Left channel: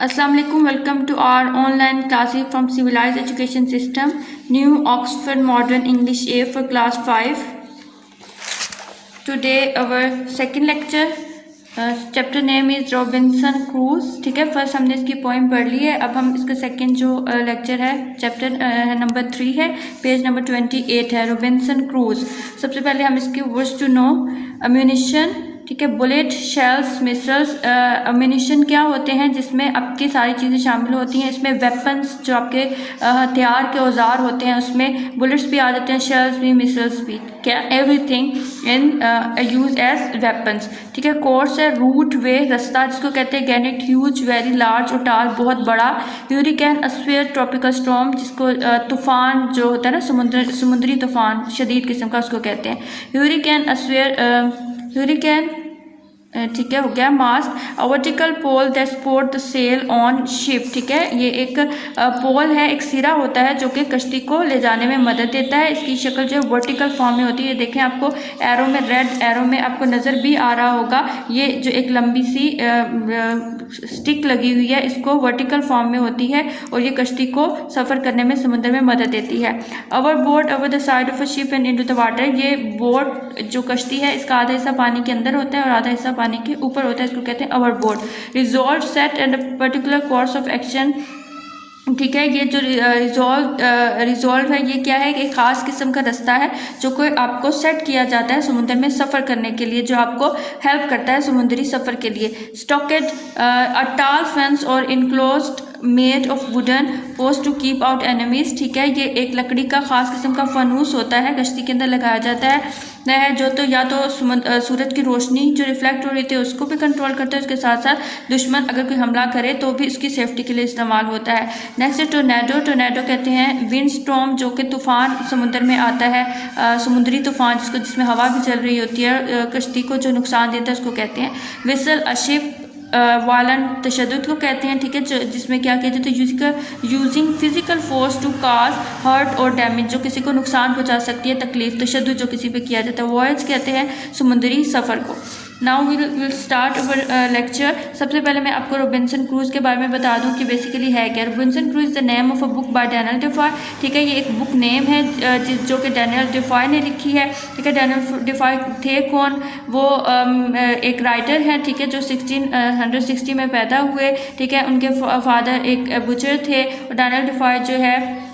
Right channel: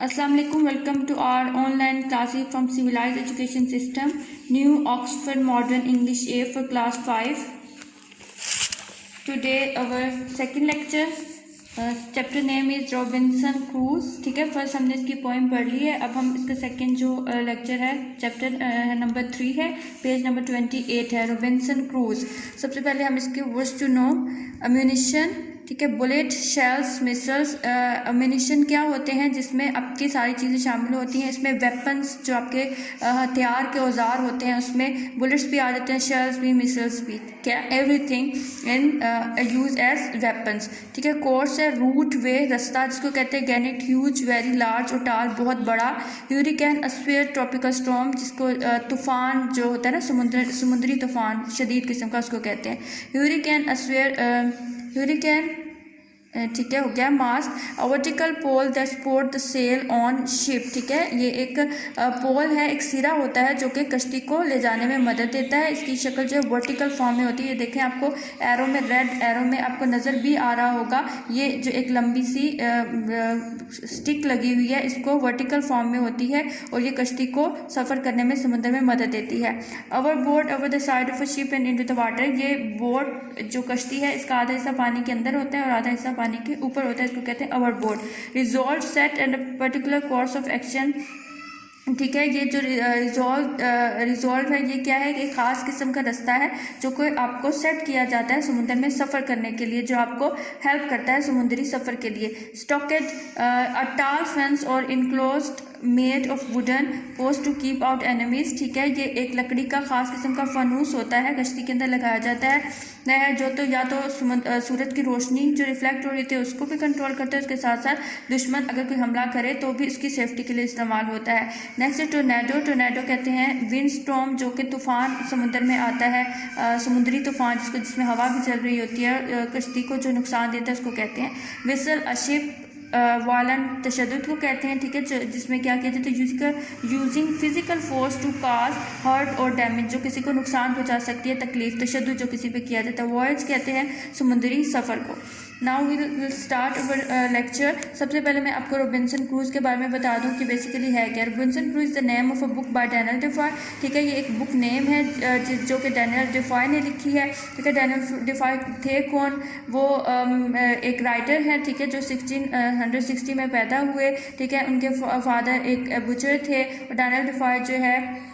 Assalamu alaikum. Welcome to our online classes from Civilized Education System, New Oxford Modern English A for class 5. Today our second lecture. Chapter name is Robinson cruise. ठीक है, first हमने इसकी poem पढ़ ली है. अब हम इसका second जो लेक्चर है चैप्टर नंबर 3 है, पेज नंबर 28 है, रॉबिन्सन क्रूज. सबसे पहले हम इसके वर्ड्स टू नो. अम्यूनिशन, ठीक है, बुलेट, शेल्स, मिसल्स. अम्यूनिशन क्या होते हैं जिसमें आपकी सारी चीज़ें शामिल होती हैं. इसमें वेपन्स जो आपके हथियार के औजार होते हैं उसमें बुलेट्स भी आ जाते हैं, शेल्स भी, मिसल्स भी. क्या everything in use as weapons. ठीक है. कोर्स है, रूट, वे, रास्ता जिसको कहते हैं. गैनेट, ह्यूज, वेरी लार्ज और टाल, बहुत बड़ा. ह्यूरिकेन, अस्फेयर, ट्रॉपिकल स्टॉर्म जिसको तूफान जो होता है ना, समुद्री तूफान शदीद किस्म का, उसको कहते हैं. ह्यूरिकेन, अस्फेयर, ह्यूरिकेन, ठीक है, हो गया. Mast, vertical pole that support the sail on ship. ठीक है, ये एक पोल है, एक सिरा होता है जो कि कश्ती को ले जाने में मदद देता है. इसकी शक्ल जो है वर्टिकल फॉर्म में होती है. देखें, आपको एरो में, रेड एरो में आपको नज़र भी आ रहा होगा. ये जो एक लंबी सी स्टिक लगी हुई है, इसको वर्टिकल फॉर्म में होती है और ये कश्ती को सफ़र करने में समुद्र में मदद देती है. Our boat over the side of a ship and into the water. ये बोट जो कश्ती है इसका आधा हिस्सा पानी के अंदर होता है और आधा हिस्सा पानी के ऊपर होता है, इसको कहते हैं our boat. Resolve, set and particular course of action. ठीक है, ये जो रिजॉल्व है ये क्या है, एक ख़ास किस्म का रास्ता है जो कोई आपको सेट किया जाता है समुद्र में सफ़र करने के लिए, जो आपको हेल्प करता है समुद्री सफ़र के लिए. स्टॉकेड, अ टाल फेंस और enclosed made of wooden post to keep out enemies. ठीक है, ये एक लकड़ी का ख़ास किस्म का फनूस होता है, कश्ती के अंदर लगाया जाता है जो तो या तो सूरज की रोशनी जो रिफ्लेक्ट हो रही थी उसको भी कंट्रोल करते हैं, उसके साथ साथ दुश्मन अगर कोई हमला करे तो भी उसकी सेफ्टी के लिए इस्तेमाल होता है. नेक्स्ट है टोर्नेडो. टोर्नेडो कहते हैं विंड स्टॉर्म, जो कि तूफ़ान समुद्र में आता है, समुद्री तूफ़ान जिसमें हवा भी चल रही होती है, कश्ती को जो नुकसान देता है उसको कहते हैं. विसल, अशिप, वायलेंट तशद्दुद को कहते हैं. ठीक है, जिसमें क्या कहते हैं तो using physical force to cause hurt और डैमेज, जो किसी को नुकसान पहुंचा सकती है, तकलीफ, तशद्दुद जो किसी पे किया जाता है. वॉयज कहते हैं समुद्री सफ़र को. Now we will start our lecture. सबसे पहले मैं आपको रॉबिन्सन क्रूज के बारे में बता दूं कि बेसिकली है क्या. Robinson Crusoe the name of a book by Daniel Defoe. ठीक है, ये एक बुक नेम है जो कि डैनियल डेफॉय ने लिखी है. ठीक है, डैनियल डेफॉय थे कौन, वो एक राइटर हैं. ठीक है, जो 1660 में पैदा हुए. ठीक है, उनके फादर एक बुचर थे और डैनियल डेफॉय जो है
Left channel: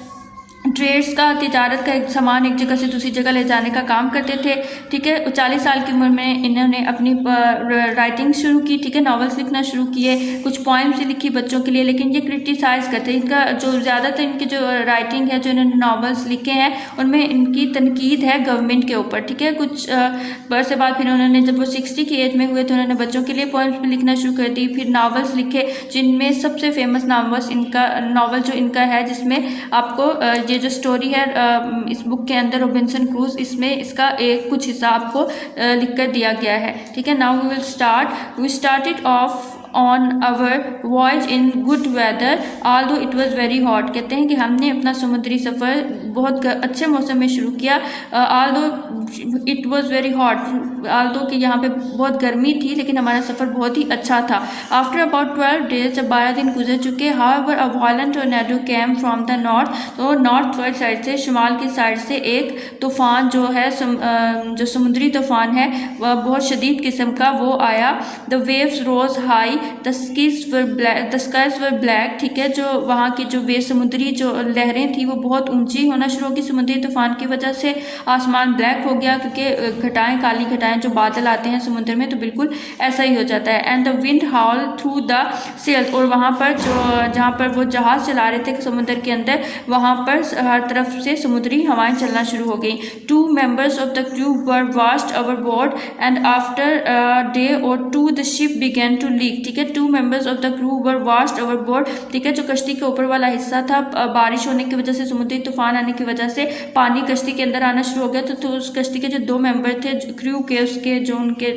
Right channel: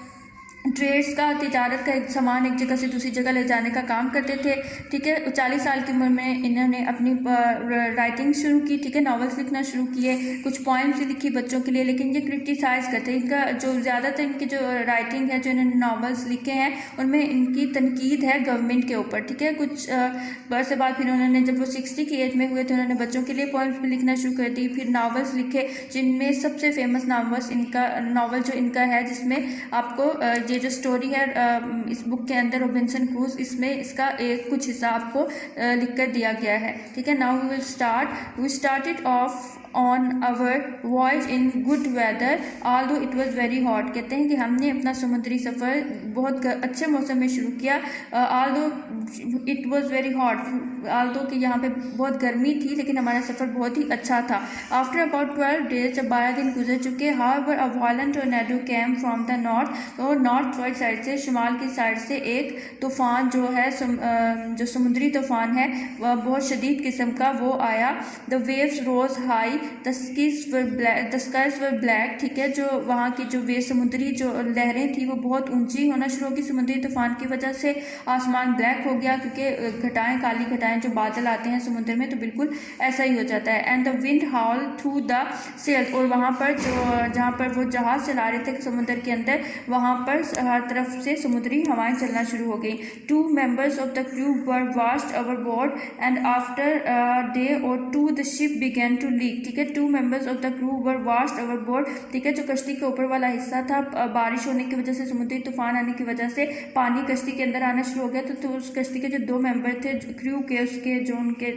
ट्रेड्स का, तिजारत का एक सामान एक जगह से दूसरी जगह ले जाने का काम करते थे. ठीक है, 40 साल की उम्र में इन्होंने अपनी राइटिंग शुरू की. ठीक है, नॉवेल्स लिखना शुरू किए, कुछ पोइम्स लिखी बच्चों के लिए, लेकिन ये क्रिटिसाइज़ करते हैं. इनका जो ज़्यादातर इनकी जो राइटिंग है, जो इन्होंने नॉवेल्स लिखे हैं उनमें इनकी तनकीद है गवर्नमेंट के ऊपर. ठीक है, कुछ बरस के बाद फिर उन्होंने जब वो 60 की एज में हुए तो उन्होंने बच्चों के लिए पोइम्स भी लिखना शुरू कर दी. फिर नॉवेल्स लिखे, जिनमें सबसे फेमस नॉवल जो इनका है, जिसमें आपको ये जो स्टोरी है इस बुक के अंदर रॉबिन्सन क्रूज, इसमें इसका एक कुछ हिस्सा आपको लिख कर दिया गया है. ठीक है, now we started off on our voyage in good weather although it was very hot. कहते हैं कि हमने अपना समुद्री सफ़र बहुत अच्छे मौसम में शुरू किया. Although it was very hot, although कि यहाँ पे बहुत गर्मी थी लेकिन हमारा सफ़र बहुत ही अच्छा था. आफ्टर अबाउट 12 डेज, जब 12 दिन गुजर चुके, however a violent tornado came from the north. तो नॉर्थ वर्ड साइड से, शुमाल की साइड से एक तूफ़ान जो है जो समुद्री तूफ़ान है वह बहुत शदीद किस्म का वो आया. The waves rose high, the skies were black. ठीक है, जो वहाँ की जो समुद्री जो लहरें थी वो बहुत ऊंची होना शुरू होगी. समुद्री तूफान की वजह से आसमान ब्लैक हो गया, क्योंकि घटाएं, काली घटाएं जो बादल आते हैं समुद्र में तो बिल्कुल ऐसा ही हो जाता है. And the wind howl through the sails. और वहाँ पर जहाँ पर वो जहाज़ चला रहे थे समुद्र के अंदर, वहाँ पर हर तरफ से समुद्री हवाएं चलना शुरू हो गई. 2 members of the crew were washed overboard and after a day or 2 the ship began to leak. ठीक है, 2 members of the crew were washed overboard. ठीक है, जो कश्ती के ऊपर वाला हिस्सा था, बारिश होने की वजह से, समुद्री तूफान आने की वजह से पानी कश्ती के अंदर आना शुरू हो गया. तो उस कश्ती के जो 2 मेंबर थे क्रू के, उसके जो उनके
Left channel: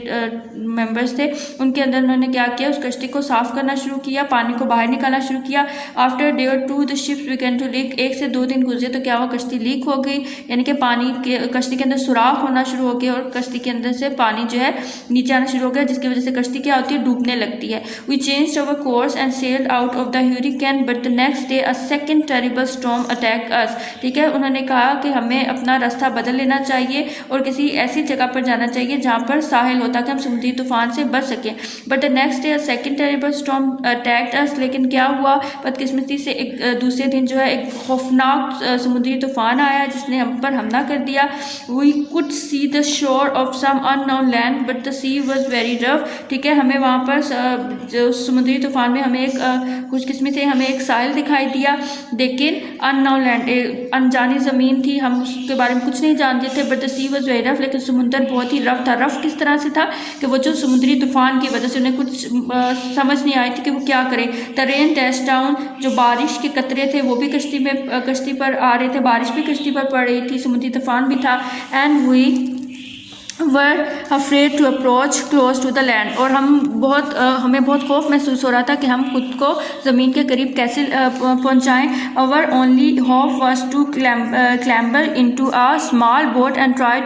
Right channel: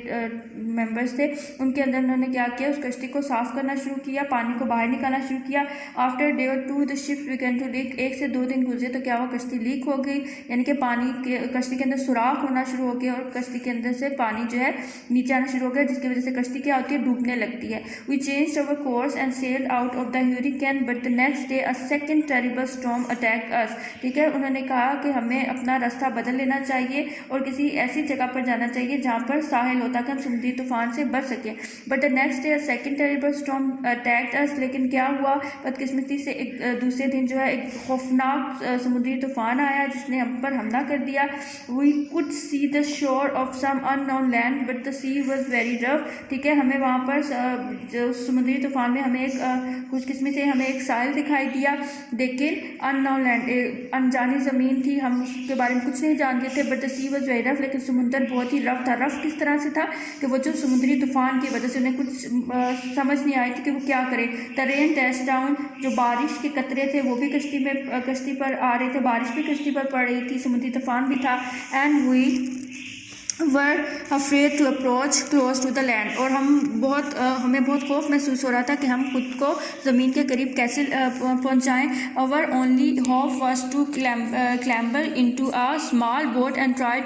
मेंबर्स थे, उनके अंदर उन्होंने क्या किया, उस कश्ती को साफ करना शुरू किया, पानी को बाहर निकालना शुरू किया. आफ्टर डे और 2 the ships began to leak. 1 से 2 दिन गुजरे तो क्या हुआ, कश्ती लीक हो गई, यानी कि पानी के कश्ती के अंदर सुराख होना शुरू हो गया और कश्ती के अंदर से पानी जो है नीचे आना शुरू हो गया, जिसकी वजह से कश्ती क्या होती है, डूबने लगती है. We changed our course and sailed out of the hurricane but the next day a second terrible storm attack us. ठीक है, उन्होंने कहा कि हमें अपना रास्ता बदल लेना चाहिए और किसी ऐसी जगह पर जाना चाहिए जहाँ पर साहिल होता कि हम समुद्री तूफान से बच सकें। But the next day a second terrible storm attacked us. लेकिन क्या हुआ, बदकिस्मती से एक दूसरे दिन जो है एक खौफनाक समुद्री तूफान आया जिसने हम पर हमला कर दिया। We could see the shore of some unknown land but the sea was very rough. ठीक है, हमें वहाँ पर जो समुद्री तूफान में हमें एक खुशकिस्मती से हमें एक साहिल दिखाई दिया, लेकिन अननोन लैंड अनजानी ज़मीन थी, हम उसके बारे में कुछ नहीं जानते थे। But the sea was very rough, लेकिन समुंदर बहुत ही रफ था। रफ किस तरह से था कि वो जो समुद्री तूफान की वजह से उन्हें कुछ समझ नहीं आई थी कि वो क्या करें। द रेन डैश डाउन, जो बारिश के कतरे थे वो भी कश्ती पर आ रहे थे, बारिश भी कश्ती पर पड़ रही थी, समुद्री तूफान भी था। And we were afraid to approach close to the land, और हमें बहुत खौफ महसूस हो रहा था कि हम खुद को ज़मीन के करीब कैसे पहुँचाएँ। Our only hope was to clamber into a small boat and try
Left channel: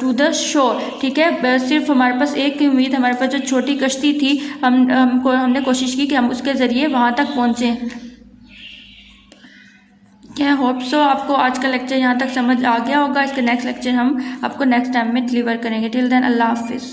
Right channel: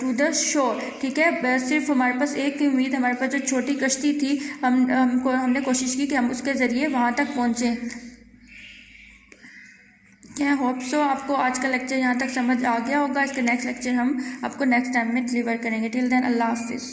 to the shore. ठीक है, सिर्फ हमारे पास एक ही उम्मीद, हमारे पास जो छोटी कश्ती थी, हमने कोशिश की कि हम उसके ज़रिए वहाँ तक पहुँचें। क्या होप सो आपको आज का लेक्चर यहाँ तक समझ आ गया होगा। इसके नेक्स्ट लेक्चर हम आपको नेक्स्ट टाइम में डिलीवर करेंगे। टिल देन अल्लाह हाफिज़।